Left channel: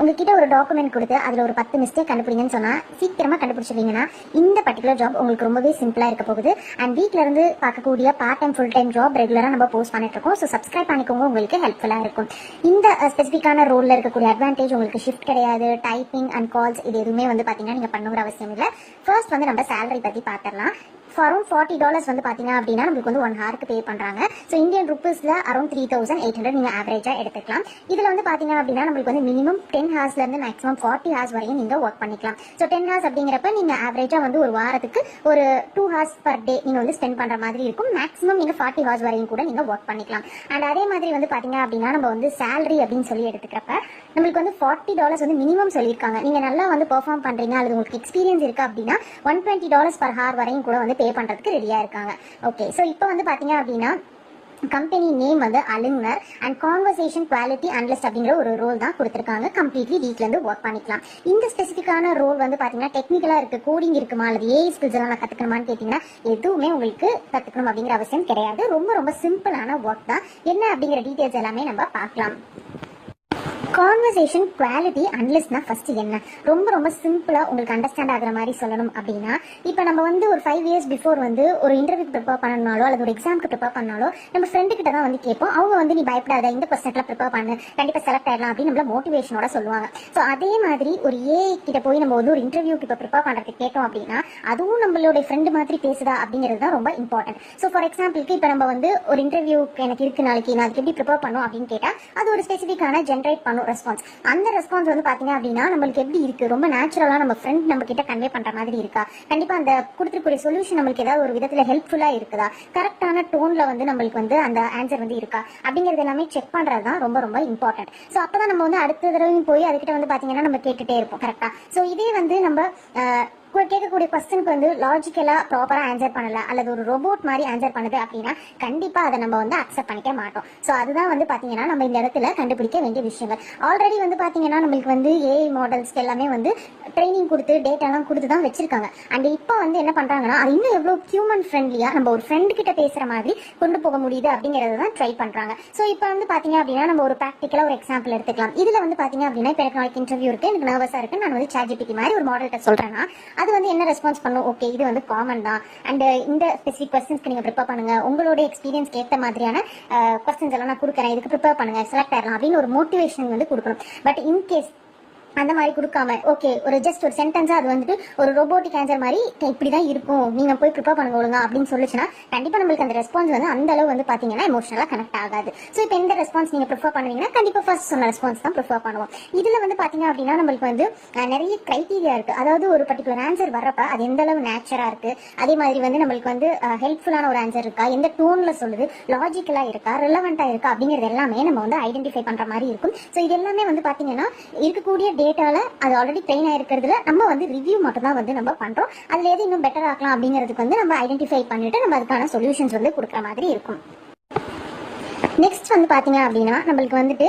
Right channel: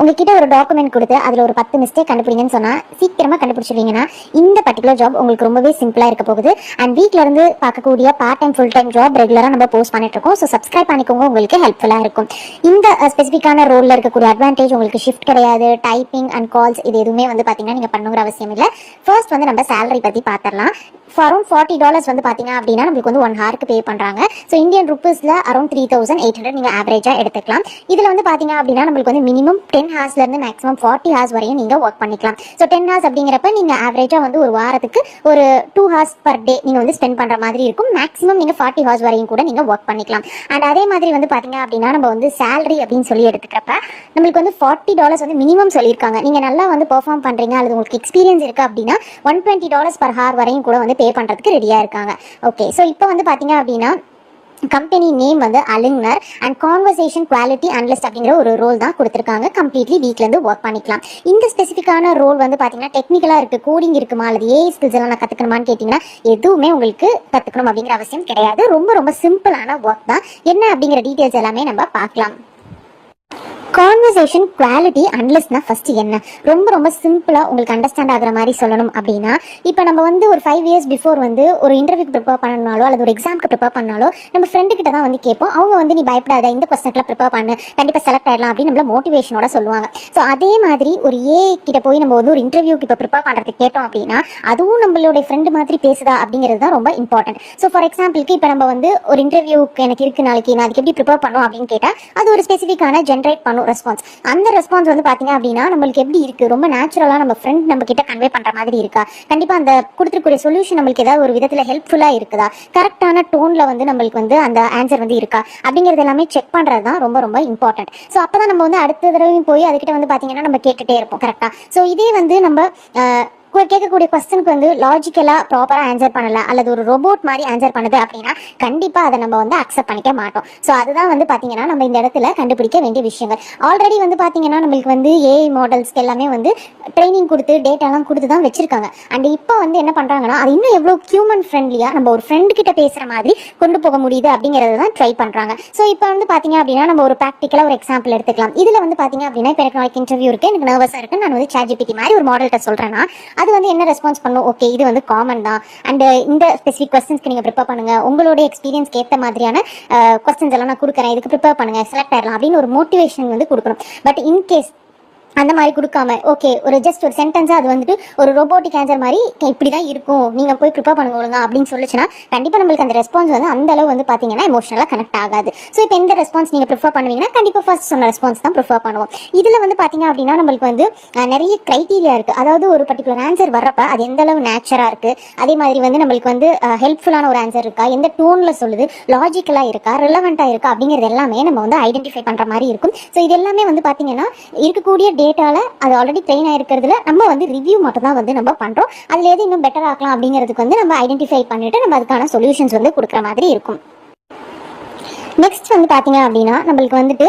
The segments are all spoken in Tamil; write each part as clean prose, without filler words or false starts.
உங்ககிட்ட ஒரு டாக்குமெண்ட் கொடுத்து அதில் ஒரு 10 மிஸ்டேக் கண்டுபிடிங்கன்னு சொன்னால் சீக்கிரமாக கண்டுபிடிச்சிருவீங்கன்னா இந்த பர்டிகுலர் ஜாப் உங்களுக்கு ரொம்பவே சிம்பிளாக இருக்க போகுது. அண்ட் வீட்டில் இருந்து பார்க்கக்கூடிய part time full time job ரெகுலராக நம்ம போஸ்ட் பண்ணிட்டு இருக்கோம். ஸோ சப்ஸ்கிரைப் பண்ணிக்கோங்க, உங்களுக்கு ஹெல்ப்ஃபுல்லாக இருக்கும். இந்த ஸ்பெசிஃபிக்கான ரோலில் இருக்கக்கூடிய அட்வான்டேஜ் உங்களுக்கு ஷிஃப்ட் கிடையாது, டைப்பிங் அண்ட் கால்ஸ் இது எதுவுமே வந்து பார்த்தீங்கன்னா நீங்கள் பண்ணுங்கிற அவசியம் இல்லை. ஃபர்ஸ்ட் வந்து நம்ம சேலரி பற்றி பார்த்துடலாம். அரௌண்ட் $40 வந்து பார்த்தீங்க அப்படின்னா நம்மளுக்கு வந்து 1 ஹவருக்கு பே பண்ணுறாங்க. ஸோ இந்தியன் ருப்பீஸில் அரௌண்ட் 3,800 நீங்கள் ஆவரேஜாக எடுத்துக்கலாம். இதில் வந்து பார்த்தீங்க அப்படின்னா நம்மளுக்கு வந்து மினிமம் 10 ஹார்ஸ்லேருந்து மேக்ஸிமம் 40 ஹார்ஸ் வரையும் நீங்கள் ஒர்க் பண்ணிக்கலாம். ஸோ 10 ஹார்ஸ் அப்படிங்கிறப்ப நீங்கள் ஆவரேஜாக வந்து ஒரு வாரத்துக்கு ஒரு 2 ஹார்ஸ் பர் டே நீங்கள் வந்து ஸ்பெண்ட் பண்ணுற மாதிரி இருக்கும். மேக்ஸிமம் நீங்கள் 40 ஹார்ஸ் வரையும் கூட நீங்கள் ஒர்க் பண்ணிக்கலாம். அண்ட் அதே மாதிரி வந்து பார்த்தீங்க அப்படின்னா நம்ம வந்து சேலரி அப்படின்னு சொல்லி எடுத்துக்கிறப்ப நம்மளுக்கு வந்து $40 வந்து மினிமம் சொல்லியிருக்காங்க. நீங்கள் நல்லா வந்து பெர்ஃபார்ம் பண்ணுறீங்க அல்லது உங்களுக்கு எக்ஸ்பீரியன்ஸ் இருக்குது அப்படின்னா $120 per hour வரையும் கூட வந்து பே பண்ணுறதுக்கு ரெடியாக இருக்காங்க. ஓகே, ஸோ இப்போ வந்து பார்த்தீங்க அப்படின்னா கம்பெனி நேம் வந்து அலிங்கர் அண்ட் கான்வர்சேஷன் குவாலிட்டி அனலிஸ்ட் அப்படிங்கிற ஒரு ரோல் தான் கொடுத்துருக்காங்க. கம்ப்ளீட்லி வீட்டிலேருந்து ஒர்க் பண்ணிக்கலாம். இந்த ஸ்பெசிஃபிக்கான ரோல் வந்து பார்த்தீங்கன்னா டெக்னிக்கலாக இருக்குது, கோடிங் இருக்குமா அல்லது ஏஐ ஸ்கில்ஸ் எல்லாம் நான் கற்றுக்கணுமான்னு கேட்டிங்கன்னா எதுவுமே உங்களுக்கு கற்றுக்கணும் அப்படிங்கிற அவசியம் கிடையாது. ரொம்ப ரொம்ப சிம்பிளான ஒர்க் தான். என்ன அப்படிங்கிற டீட்டெயில்ஸ் எல்லாமே நம்ம பார்க்கலாம். கான்வர்சேஷன் குவாலிட்டி அனலிஸ்ட்னா ஃபர்ஸ்ட் என்ன, ரொம்ப ரொம்ப சிம்பிளாக உங்களுக்கு அண்டர்ஸ்டாண்ட் ஆகிற மாதிரி சொல்லணும் அப்படின்னா, இப்போ நம்ம வந்து ஒரு 5 இயர்ஸ் பிஃபோர் வந்து ஒரு இன்டர்வியூக்கு ப்ரிப்பேர் பண்ணனாலோ அல்லது ஒரு எக்ஸாமுக்கு ப்ரிப்பேர் பண்ணாலோ நம்ம ஃப்ரெண்டு கிட்ட தான் வந்து கேட்போம். அவங்க வந்து நீ பயப்படாத, இந்த கொஸ்டின்லாம் ப்ரிப்பேர் பண்ணு, கண்டிப்பாக செலக்ட் ஆகிடலாம் அப்படின்னு நம்மள மோட்டிவேஷனோட சொல்லுவாங்க. ஸோ அதே மாதிரி ஒரு ஏஐ கிட்ட போய் நம்ம வந்து ஒரு இன்டர்வியூக்கு இப்போ ப்ரிப்பேர் பண்ணுறதுக்கு கேட்டோம் அப்படின்னா அதுவும் நம்மளோட ஃப்ரெண்டு மாதிரி பேசுதா அப்படிங்கிறது தான் ரொம்ப இம்பார்ட்டன்ட். ஸோ ஃபார் எக்ஸாம்பிளுக்கு இப்போ நம்ம வந்து ஒரு இன்டர்வியூக்கு எனக்கு இருக்குது நாளைக்கு, நான் அதுக்கு எப்படி ப்ரிப்பேர் பண்ணும் அப்படின்னு கேட்டால் அது ஒரு ஸ்பெசிஃபிக்கான ஜென்ரேட் பண்ணும் ரெஸ்பான்ஸ். அந்த ரெஸ்பான்ஸ் வந்து பார்த்தீங்க அப்படின்னா நம்மளுக்கு எப்படி இருக்குது, ரொம்ப நேச்சுரலாக நம்ம ஃப்ரெண்ட் நம்ம கிட்ட கன்வே பண்ணுற மாதிரி இருக்கா, கண்டிப்பாக அந்த கொடுத்துருக்கூடிய சொல்யூஷன் நம்மளுக்கு ஏதாவது ஒரு விதத்தில் ஹெல்ப்ஃபுல்லாக இருக்குதா, கரெக்டான டோனில் வந்து நம்மளுக்கு வந்து அந்த ஆன்சர் வந்து இருக்கா அப்படிங்கிறது எல்லாமே செக் பண்ணுறது தான் ரொம்ப ரொம்ப இம்பார்ட்டன்ட். ஸோ அப்போ தான் நம்ம வந்து அடுத்த தடவையும் போய் அதுக்கிட்ட வந்து பார்த்தீங்கன்னா நம்ம கேட்டுகிட்டே இருப்போம் கரெக்டாக. ஸோ இதே வந்து நம்ம கேட்கக்கூடிய கொஸ்டினுக்கு வந்து லாஜிக்கலாக ப்ராப்பராக ஆன்சர் பண்ணல அல்லது ஒரு ரோபோட் மாதிரி ஆன்சர் பண்ணுது அப்படின்னா கண்டிப்பாக அதை நம்ம வந்து அக்செப்ட் பண்ணிக்க மாட்டோம். ஸோ அதுதான் வந்து பார்த்தீங்கன்னா நம்ம இந்த இடத்துல கண்டுபிடிக்க வேண்டிய விஷயங்கள். ஆல்ரெடி வந்து பார்த்தீங்கன்னா நம்மளுக்கு வந்து ஏஐ மாடல்ஸ்க்கு எல்லாமே வந்து ட்ரைனிங் கொடுத்து டேட்டாலாம் கொடுத்து தான் வச்சிருக்காங்க. அண்ட் இப்போ வந்து என்ன பண்ணுறாங்கன்னா அது இன்னும் எவ்வளோ ஹியூமன் ஃப்ரெண்ட்லியாக நம்ம ஒரு ஃப்ரெண்டு கிட்ட பேசுகிற மாதிரி கொண்டு போக முடியுது அப்படிங்கிறத தான் ட்ரை பண்ணுறாங்க. ஸோ இப்போ வந்து பார்த்தீங்க அப்படின்னா நம்ம ஒரு ப்ராக்டிக்கலாக ஒரு எக்ஸாம்பிள் எடுத்துக்கலாம். இதில் வந்து பார்த்தீங்க அப்படின்னா இப்போ எனக்கு நாளைக்கு இன்டர்வியூ இருக்குது, எனக்கு நர்வஸாக இருக்குது, நான் வந்து ChatGPT மாதிரி ஒரு மாடல்கிட்ட சொல்கிறேன்னா அது வந்து என்ன ரெஸ்பான்ஸ் பண்ணும், ஓகே இது வந்து காமன் தான் அண்ட் இந்த ஸ்பெசிஃபிக் கொஸ்டின்ஸ்க்கு நீங்கள் ப்ரிப்பேர் பண்ணுங்க, உங்களோட எக்ஸ்பீரியன்ஸ்க்கு ஏற்ற மாதிரியான கொஸ்டின்ஸ் எல்லாம் நான் கொடுக்குறேன், இதுக்கு ப்ரிப்பேர் பண்ணுங்க, செலக்ட் ஆயிடலாம் அப்படின்னு ஒரு மோட்டிவேஷன் வந்து கொடுக்கணும். பட் இன்கேஸ் அந்த மாதிரி கொடுக்காம ஓகே ஒரு ஜஸ்ட் ஒரு சென்டென்ஸாக அது வந்துட்டு ஒரு ரோபோட்டிக் ஆன்சர் மாதிரி இப்படி தான் இருக்கும், நீங்கள் போய் ப்ரிப்பேர் பண்ணுங்க ஒழுங்க அப்படின்னு சொல்லிச்சுன்னா கண்டிப்பாக நம்மளுக்கு அந்த ரெஸ்பான்ஸ் வந்து அந்த அளவு வந்து பார்த்தீங்கன்னா எமோஷனலாக கனெக்ட் ஆகாது. ஸோ இப்போ எந்த ரெஸ்பான்ஸ் நீங்கள் ப்ரிஃபர் பண்ணுவீங்கன்னா கண்டிப்பாக ஃபர்ஸ்ட் சொன்ன ரெஸ்பான்ஸ் தான் ப்ரிஃபர் பண்ணுவோம். இதில் வந்து பார்த்தீங்க அப்படின்னா நம்மளுக்கு வந்து நிறைய க்ரைட்டீரியா இருக்குது. அதாவது ஒரு பர்டிகுலர் ஆன்சர் வர்றப்ப அது எந்த அளவு நேச்சராக இருக்குது, அதே மாதிரி வந்து நம்மளுக்கு வந்து ஹெல்ப்ஃபுல்லான ஒரு ஆன்சர் இருக்கா, எந்த டோனில் சொல்லுது, லாஜிக்கலாக இருக்கா, ரிலவெண்ட்டாக இருக்கா அப்படிங்கிறது எல்லாமே நம்ம வந்து ஐடென்டிஃபை பண்ணுற மாதிரி இருக்கும். ஸோ இது எல்லாமே வந்து பார்த்தீங்கன்னா இருக்கக்கூடிய டேட்டால அது ஆல்ரெடி ட்ரெயின் ஆயிருக்கிறதுல நம்ம வந்து ரிவ்யூ மட்டும் தான் வந்து நம்ம பண்றோம். அதுல எது இன்னும் பெட்டர் ஆக்கலாம் அப்படிங்கிறதுக்கு வந்து நம்ம ஐடென்டிஃபை பண்ணிட்டு நம்ம அதுக்கான சொல்யூஷன்ஸ் வந்து கொடுக்குற மாதிரி இருக்கும். நெக்ஸ்ட் வந்து பார்த்தீங்க அப்படின்னா நம்மளுக்கு வந்துட்டு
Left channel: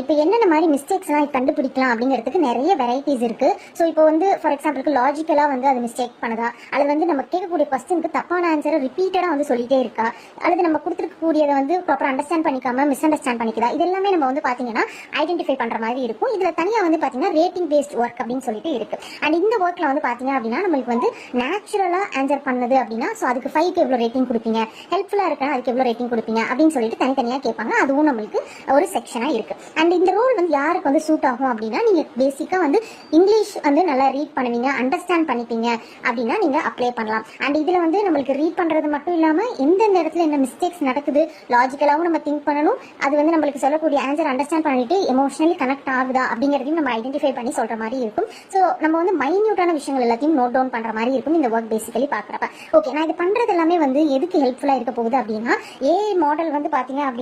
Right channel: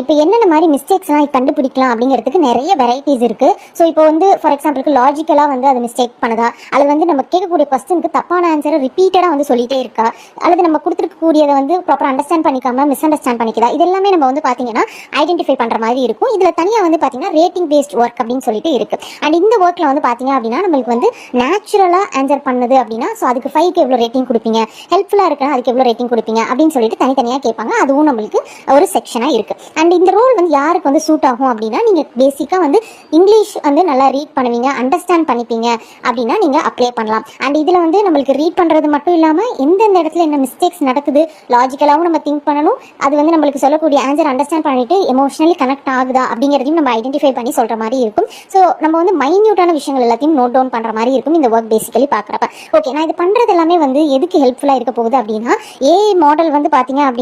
இப்போ என்னென்ன மாதிரி மிஸ்டேக்ஸ்லாம் கண்டுபிடிக்கலாம் அப்படிங்கிறதுக்கு நிறைய வெரைட்டிஸ் இருக்குது. ஸோ இப்போ வந்து ஃபார் எக்ஸாம்பிளுக்கு லாஜிக்கலாக வந்து அது மிஸ்டேக் பண்ணுதா, அல்லது வந்து நம்ம கேட்கக்கூடிய கொஸ்டினுக்கு தப்பான ஆன்சரை ரிப்பீட்டடாக வந்து சொல்லிட்டே இருக்கா, அல்லது நம்ம கொடுத்துருக்கக்கூடியதை வந்து ப்ராப்பராக அண்டர்ஸ்டாண்ட் பண்ணிக்காம மிஸ் அண்டர்ஸ்டாண்ட் பண்ணிக்குதா, இது எல்லாமே நம்ம வந்து பார்த்தீங்கன்னா ஐடென்டிஃபை பண்ணுற மாதிரி இருக்கும். இதில் தனியாக வந்து பார்த்தீங்கன்னா ரேட்டிங் பேஸ்ட் ஒர்க் அப்படின்னு சொல்லிட்டு இருக்குது. அண்ட் இந்த ஒர்க்கில் வந்து பார்த்தீங்க அப்படின்னா நம்மளுக்கு வந்து நேச்சுரலாக ஆன்சர் பண்ணுது அப்படின்னா ஸோ அதுக்கு 5க்கு எவ்வளோ ரேட்டிங் கொடுப்பீங்க, ஹெல்ப்ஃபுல்லாக இருக்குன்னா அதுக்கு எவ்வளோ ரேட்டிங் கொடுப்பீங்க அப்படின்னு சொல்லிட்டு தனித்தனியாக கேட்பாங்க. அதுவும் நம்மளுக்கு ஒரு செக்ஷனாக இருக்குது. அண்ட் இந்த ரோல் வந்து யாருக்கு வந்து சூட் ஆகும் அப்படின்னா நீங்கள் பேசிக்காக வந்து இங்கிலீஷ் வந்து நல்லா ரீட் பண்ணுவீங்க, அண்டர்ஸ்டாண்ட் பண்ணிப்பீங்க அப்படின்னா நீங்கள் அப்ளை பண்ணலாம். அண்ட் இதில் வந்து நம்மளுக்கு ரீட் பண்ணுறது மட்டும் இல்லாமல் எந்தெந்த இடத்துல என்ன மிஸ்டேக்ஸ் நடக்குது லாஜிக்கலாகவும் நம்ம திங்க் பண்ணணும், அது வந்து நம்மளுக்கு சொல்லக்கூடிய ஆன்சர் அண்டர்ஸ்டாண்ட் பண்ணிட்டு எமோஷனலி கனெக்ட் ஆகுதா அப்படிங்கிறதையும் நம்ம ஐடென்டிஃபை பண்ணி சொல்கிற மாதிரி இருக்கும். ஸோ நம்ம வந்து மைன்யூட்டான விஷயங்கள் எல்லாத்தையும் நோட் டவுன் பண்ணுற மாதிரி இருக்கும் இந்த ஒர்க் பேசிக்கலி பார்க்குறப்ப. ஓகே, நான் இது பண்ணுறது எல்லாமே வந்து எதுக்கு ஹெல்ப்ஃபுல்லாக இருக்க போகுது அப்படின்னா ஏஐ மாடல் வந்து பார்த்தீங்க அப்படின்னா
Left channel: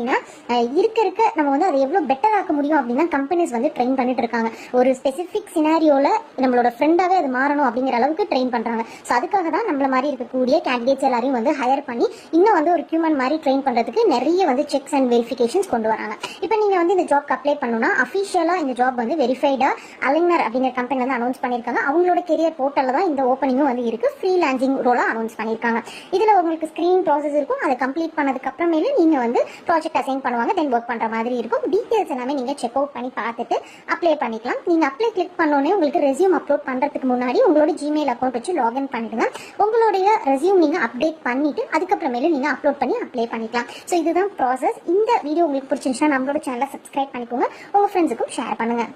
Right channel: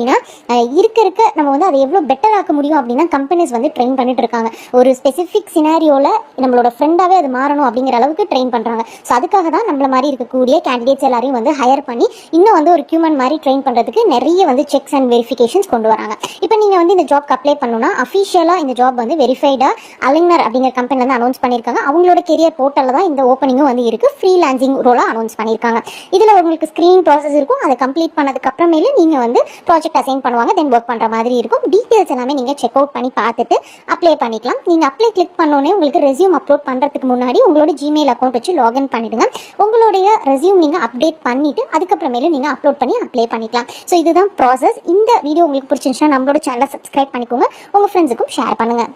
இருக்க நம்ம வந்து அதை எவ்வளோ பெட்டர் ஆக்க முடியும் அப்படின்னா கம்பெனிஸ் வந்து ட்ரெயின் பண்ணிட்டு இருக்காங்க. ஒரு ஸ்பெசிஃபிக் சினாரியோவில் நம்மளோட ஃப்ரெண்டாகவே அது மாறணும் அப்படிங்கிற அளவுக்கு ட்ரெயின் பண்ணுறாங்க. ஸோ அதுக்காக தான் நம்மள மாதிரி இருக்கக்கூடிய கேண்டிடேட்ஸ் எல்லாரையும் வந்து ஹையர் பண்ணி இன்னும் வந்து ஒரு ஹியூமன் மாதிரி ட்ரெயின் பண்ணுறதுக்கு நிறைய வந்து செக்ஸ் அண்ட் வெரிஃபிகேஷன்ஸ் கொண்டு வராங்க. இப்போ நீங்கள் வந்து இந்த ஜாப்க்கு அப்ளை பண்ணணும்னா அஃபிஷியலாக இந்த ஜாப் வந்து வெரிஃபைடாக அலிங்கர் அப்படிங்கிற கம்பெனியில் வந்து அனௌன்ஸ் பண்ணியிருக்காங்க. அவங்களோட கெரியர் போர்ட்டலில் தான் இந்த ஓப்பனிங்கும் வந்து இருக்குது. ஃப்ரீலான்சிங் ரோலாக அனௌன்ஸ் பண்ணியிருக்காங்க. இதில் உங்களுக்கு ஸ்க்ரீனிங் ப்ராசஸ் இருக்கும். அதை கம்ப்ளீட் பண்ணதுக்கு அப்புறமேலே நீங்கள் வந்து ப்ராஜெக்ட் அசைன் பண்ணுவாங்க, தென் ஒர்க் பண்ணுற மாதிரி இருக்கும். டீட்டெயில்ஸ் எல்லாமே நீங்கள் செக் அவுட் பண்ணி பார்த்துட்டு அப்ளை பண்ணிக்கலாம். நீங்கள் அப்ளை கிளிக் பண்ணோன்னே உங்களுக்கு ரெஸ்யூம் அப்லோட் பண்ணுறதுக்கு முன்னாடி உங்களோட ஜிமெயில் அக்கௌண்ட் வச்சு லாகின் பண்ணிவிடுங்க. உங்களுடைய ரெஸ்யூம் நீங்கள் அப்டேட் பண்ணிவிட்டு அதுக்கப்புறமேலே நீங்கள் அப்லோட் பண்ணி அப்ளை பண்ணிக்கலாம். ஸோ இதுதான் ப்ராசஸ். இந்த வீடியோ உங்களுக்கு பிடிச்சிருந்துச்சுன்னா நம்மளோட சேனலை சப்ஸ்கிரைப் பண்ணிக்கோங்க, உங்கள் ஃப்ரெண்ட்ஸுக்கும் ஷேர் பண்ணுங்கள்.